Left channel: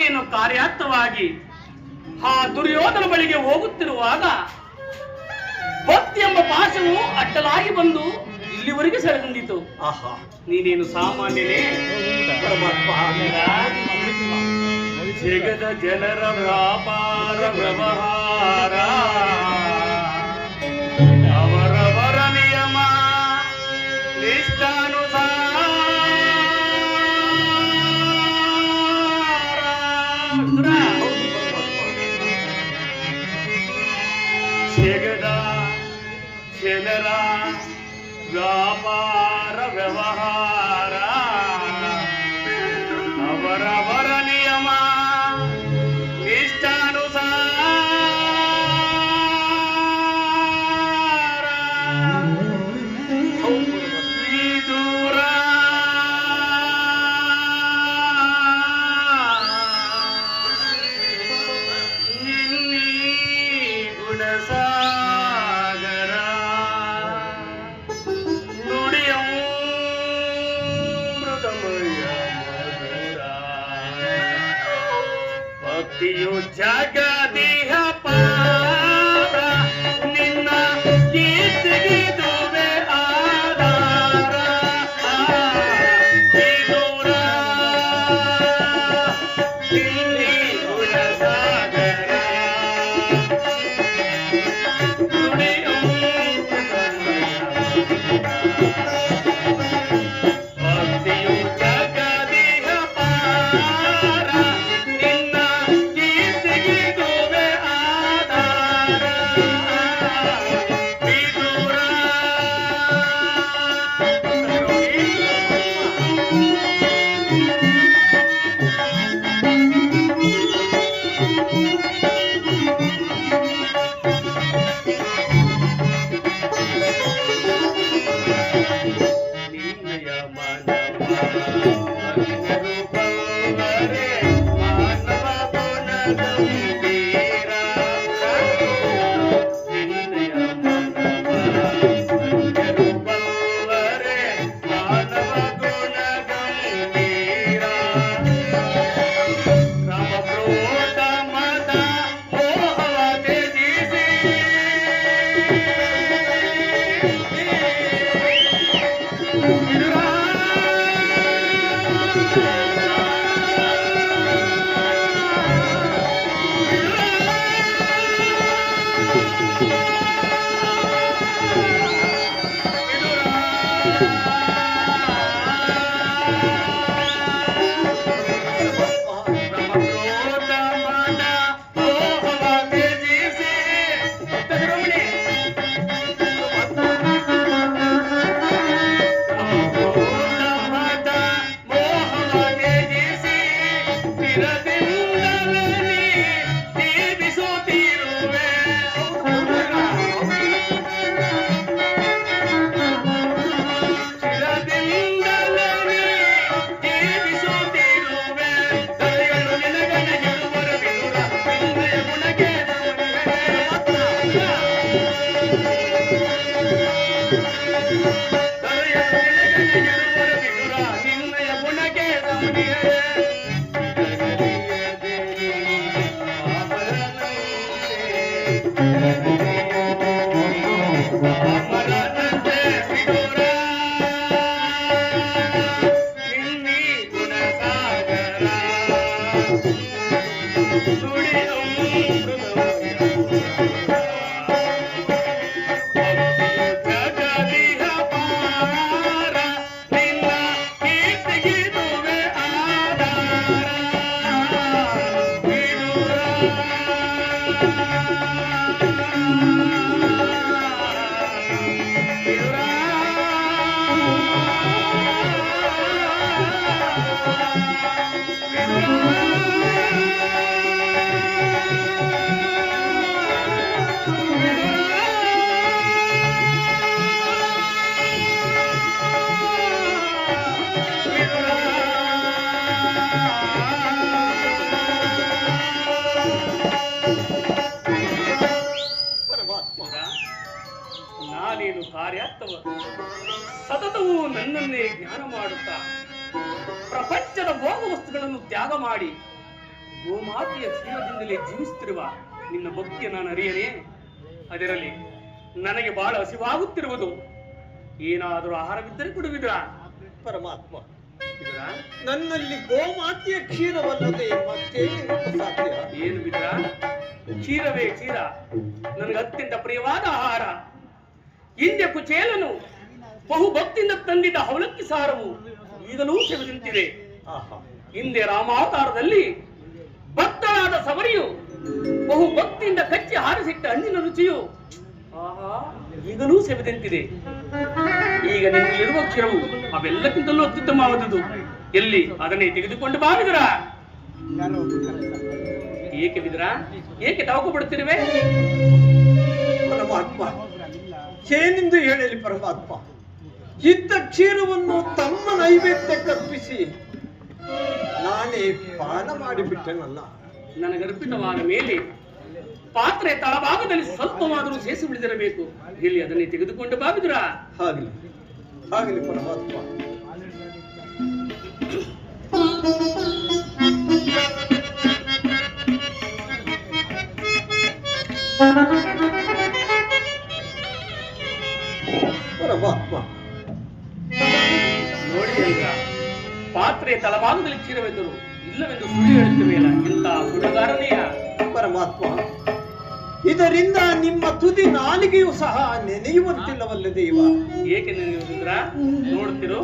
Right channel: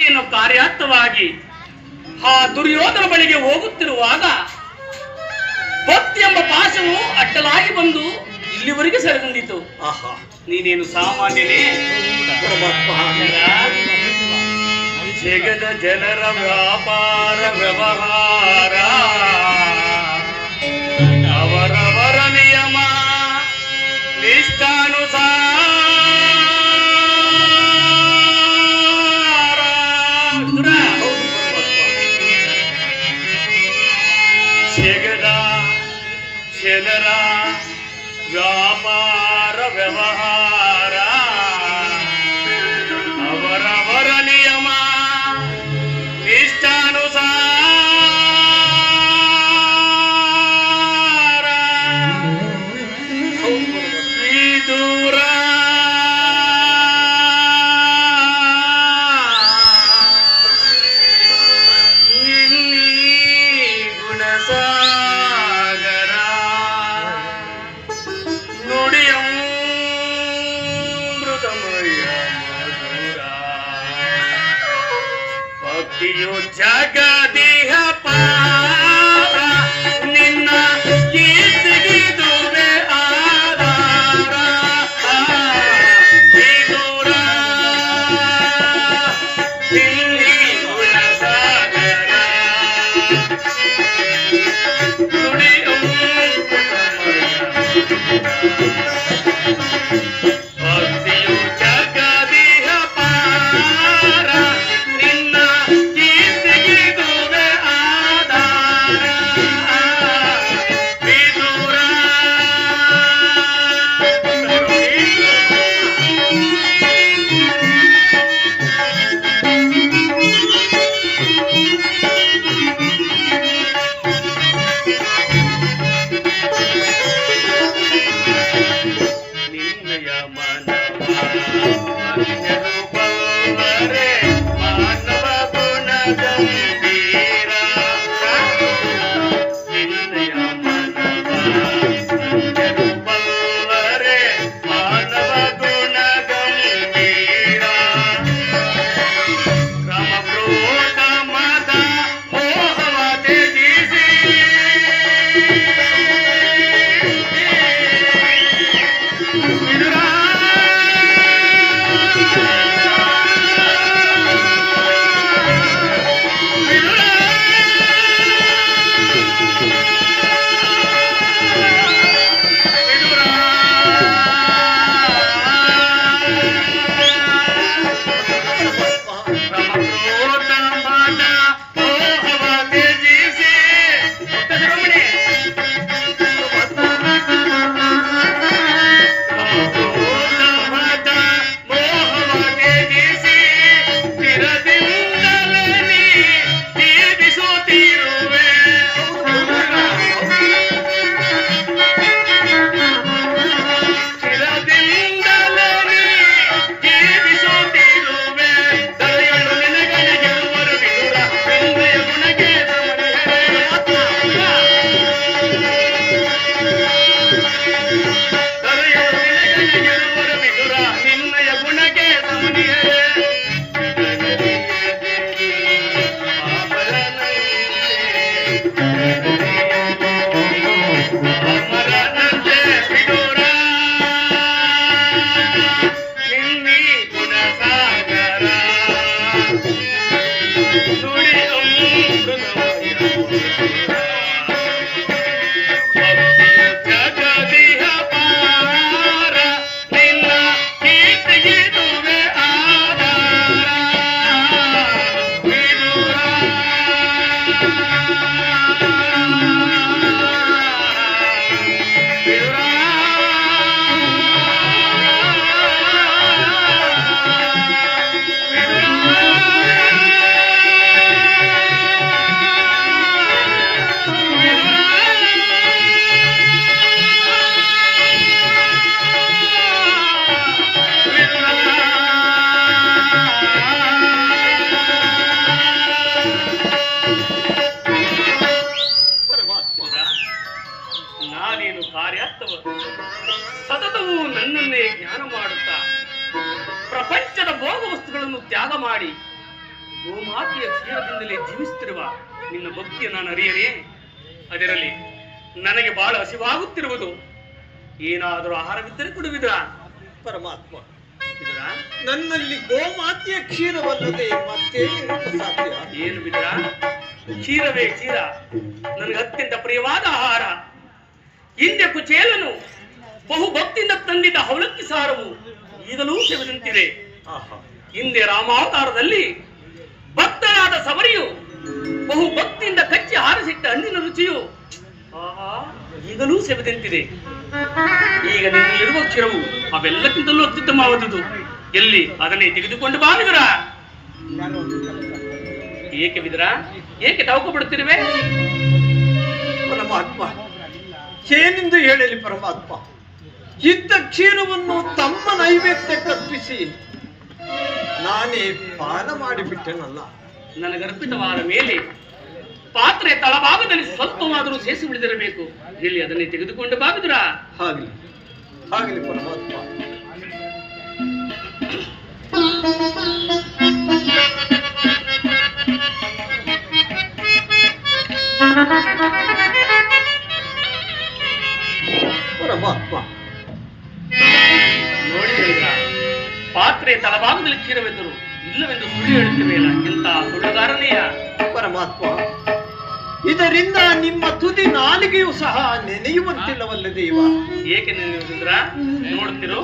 ಕಾರ್ಯಾರ್ಥವಾಗಿ ಆ ದುರ್ಯೋಧನ ಬಳಿಗೆ ಹೋಗುತ್ತಿರುವಾಗ ಭಕ್ತಿ ಎಂಬ ಪಾಶವು ಅಡ್ಡಲಾಗಿ ಬಂದು ಇಲ್ಲಿವರೆಗೆ ಸೆರೆಗೊಂಡಿತು. ಆಹಾ, ನೀನೇನು ಸಾಮಾನ್ಯನೇ? ಜಗದ ಜನರ ವ್ಯಾಪಾರ ವ್ಯವಹಾರ ಅವರವರ ನಿಯಮ ನಿಷ್ಠಾನುಸಾರ ಜಗದ ಜನರ ವ್ಯಾಪಾರ ವ್ಯವಹಾರ ಅವರವರ ನಿಯಮ ನಿಷ್ಠಾನುಸಾರ ವಿದುರ ಗುಣಸಾಗರ ನುಡಿಯಮೃತಮಯ ಮಧುರ ಭಕ್ತಿಯು ಜಗದಿಹ ಪಾರ ನಿನ್ನ ಕೀರ್ತಿಗಿದುವೆ ಆಧಾರ ವಿದುರ ಇಲ್ಲಿ ಗುಣಸಾಗರ ಭಕ್ತಿಯು ಜಗದಿಹ ಪಾರ ನಿನ್ನ ಕೀರ್ತಿಗಿದುವೆ ಆಧಾರ ವಿದುರ ನಿನ್ನಯ ಮನವ ಬಲ್ಲರೆ ಮಾನವ ಗುಣಗಂಭೀರ ನಿನ್ನಯ ಮನವ ಬಲ್ಲರೆ ಮಾನವ ಗುಣಗಂಭೀರ ರಾಮ ಕ್ರೋಧ ಮದ ಮೋಹವ ತ್ಯಜಿಸಿ ನಿನ್ನಯ ಗುಣಕ್ಕೆ ಅಮರನಂತೆ ವಿದುರ ನಿನ್ನಿ ಗುಣಸಾಗರ ನುಡಿ ಜಗದಿಹ ಪಾರ ನಿನ್ನ ಕೀರ್ತಿಗಿದುವೆ ಆಧಾರ ವಿದುರ ನಾನೇನು ಕಾರ್ಯಾರ್ಥವ ಸತತವೂ ನನ್ನನ್ನೇ ಜ್ಞಾನ ಮಾಡುತ್ತಾ ಪ್ರಪಂಚದ ಭೋಗ ವಸ್ತುಗಳನ್ನು ತ್ಯಾಗ ಮಾಡಿ ಗೋಮಾತೆಯ ಕ್ಷೀರದಿಂದಲೇ ಜೀವಿಸುತ್ತಿರುವ ನಿನ್ನ ಭಕ್ತಿಯ ನಾನು ಅರಿಯನೇ. ಅದರಲ್ಲಿ ನನಗೆ ಬಹಳ ಹಸಿವಾಗುತ್ತಿರುವುದು. ಏನಾದರೂ ಆಹಾರವಿದ್ದರೆ ಕೊಡುವಿದ್ರ? ಪರಮಾತ್ಮ, ಬಿದುರ, ನನ್ನಲ್ಲಿ ಗೋಮಾತೆಯ ಕ್ಷೀರವಲ್ಲದೆ ಮತ್ತೆ ಸಾಧ್ಯ? ಏನು ಬಿದುರ, ಕ್ಷೀರವೇ ಕ್ಷೀರ, ನನಗೆ ಅತ್ಯಂತ ಪ್ರಿಯವಾದ ಆಹಾರ. ಹಿಂದೆ ಕುಚೇಲನು ಬಹು ಭಕ್ತಿಯಿಂದ ತಂದಿದ್ದ ಅವಲಕ್ಕಿ ಸಾರವು ಈಗಲೂ ಸೇವಿದಂತಿದೆ. ಹಿಂದೆ ರಾಮಾವತಾರದಲ್ಲಿ ಭಕ್ತನಾದ ಸವರಿಯು ಬಹು ಭಕ್ತಿಯಿಂದ ಕಚ್ಚಿ ಹಾರಿಸಿಟ್ಟ ಹಣ್ಣಿನ ರುಚಿಯು ಆಹಾ ಈಗಲೂ ಸೇವಿದಂತಿದೆ. ಈಗ ನಿನ್ನಲ್ಲಿರುವ ಕ್ಷೀರವು ಅವೆಲ್ಲಕ್ಕಿಂತಲೂ ಅತ್ಯುತ್ತಮವಾದುದು. ಎಲ್ಲಿ ಅದನ್ನೇ ತೆಗೆದುಕೊಂಡು ಬಾ ಬಿದುರ. ಏಕೆ ಬಿದುರ, ಏಕೆ ತವಕು ಬಿಡುತ್ತಿರುವೆ? ಪರಮಾತ್ಮ, ಏನೆಂದು ಹೇಳಲಿ ಪರಮಾತ್ಮ? ಇದ್ದ ಕ್ಷೀರವನ್ನು ತಮ್ಮ ನೈವೇದ್ಯಕ್ಕರ್ಪಿಸಿ ನಾನೇ ಪಾನ ಮಾಡಿಬಿಟ್ಟೆನಲ್ಲ. ನನಗರ್ಪಿತವಾದ ಮೇಲೆ ಪಾತ್ರೆ ತಳಭಾಗದಲ್ಲಿ ಸ್ವಲ್ಪವಾದರೂ ಸೇಸಿ ಬಿಡಿದಿರಬೇಕು. ಇಲ್ಲಿ ಅದನ್ನೇ ತೆಗೆದುಕೊಂಡು ಬಾ ಬಿದುರ. ಆಗಲಿ ಆಗಲಿ ಪರಮಾತ್ಮ. ಪರಮಾತ್ಮ, ನೋಡಿ ಬಿದುರ, ಪಾತ್ರೆ ತಳಭಾಗದಲ್ಲಿ ಕ್ಷೀರವೆಂದರು ಇಲ್ಲವೆಂದು ಸುಳ್ಳು ಹೇಳುತ್ತಿವೆಯಲ್ಲ, ಎಂತ ಸುಳ್ಳುಗಾರನೆಯ? ಪರಮಾತ್ಮ, ಇದರಿಂದ ನಿಮ್ಮ ತುದಿ ನಾಲಿಗೆಯೂ ಸಹ ನೆನೆಯುವಂತಿಲ್ಲವಲ್ಲ ದೇವ? ಏಕೆ ನೆನೆಯುವುದಿದ್ರ? ನೋಡುತ್ತಿರು.